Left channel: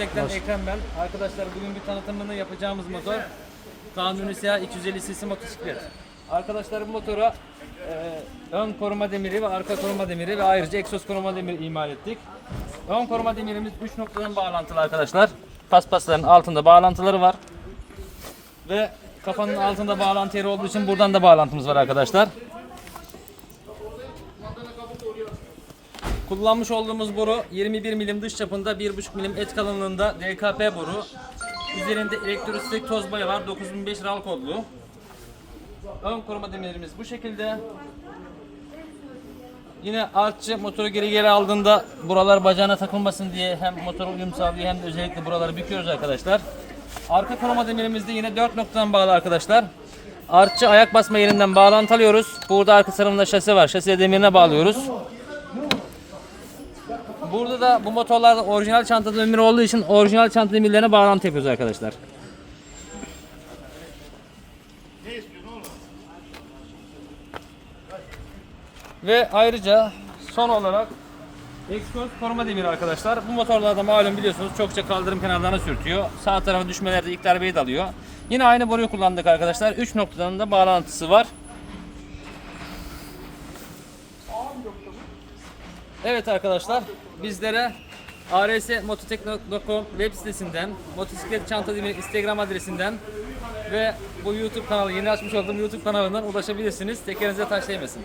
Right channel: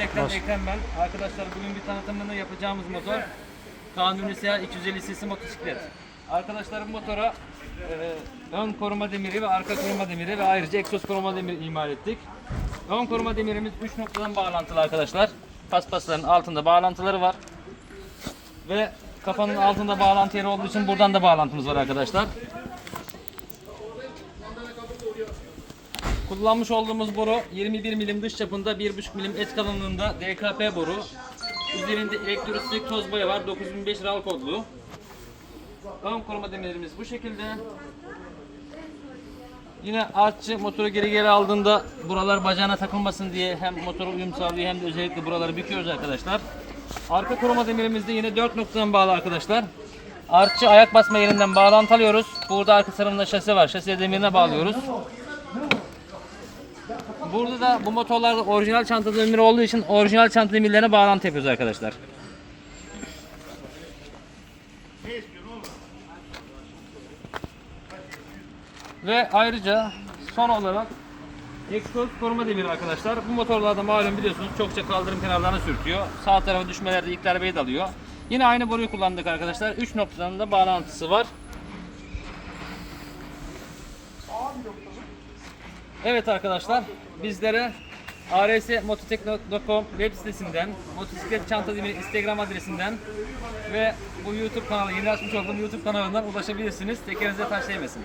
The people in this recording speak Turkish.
Mototek'ten Hoş- Ekrem ben. Arkadaşlar bugün bir tanıtımını yapacağımız motor Kanuni SEA 250 cc motosiklet. Arkadaşlar bu motora e, ön koruma demiri ve arka koruma demiri ve ayrıca egzoz koruma demiri imal ettik. Ön koruma demirimiz 3 noktadan bağlantılı arkadaşlar. Paspasların altında bağlantıları var. Ve kafanın altında bağlantı yeri olduğu için buradan da bağlantımız var arkadaşlar. Kullanmış olduğumuz boru 21 milim dış çapında 1,5 milim et kalınlığında DKP boru. Üzerinde elektrostatik toz boya var 9005 RAL kodlu. Ön koruma demirlerimiz bu şekilde. Yine artçı motoru geri geri aldığında buralar bacağına takılmasın diye hem motora uyum sağlıyor hem de özellikle buraları büküyoruz arkadaşlar. Arka koruma demirimiz de yine 4 noktadan bağlı arkadaşlar. Artçı ayak basma yerinden bağlantı alıyoruz. Burada arka tarafında şase var. Şase demirine bağlıyoruz. Burada da bu motorlarda orijinal çanta demiri olduğu için orijinal çanta demirlerine bağlantı yapıyoruz arkadaşlar. Ve ayrıca son olarak egzoz koruma demiri arkadaşlar. Bu motorlarda malum biliyorsunuz çokça kaldırım kenarlarına sürtüyor. Sağ tarafa düşmelerde ilk darbeyi de alıyor. Yine aynı boruyu kullandık arkadaşlar. 3 noktadan da bağlantısı var. Evet arkadaşlar bizlere rsmototek.com web sitesinden, motosiklet çanta demiri instagram adresinden ve bu youtube kanalı yeni açmış olduğum youtube kanalından ulaşabilirsiniz. Tekerinize taş değmesin.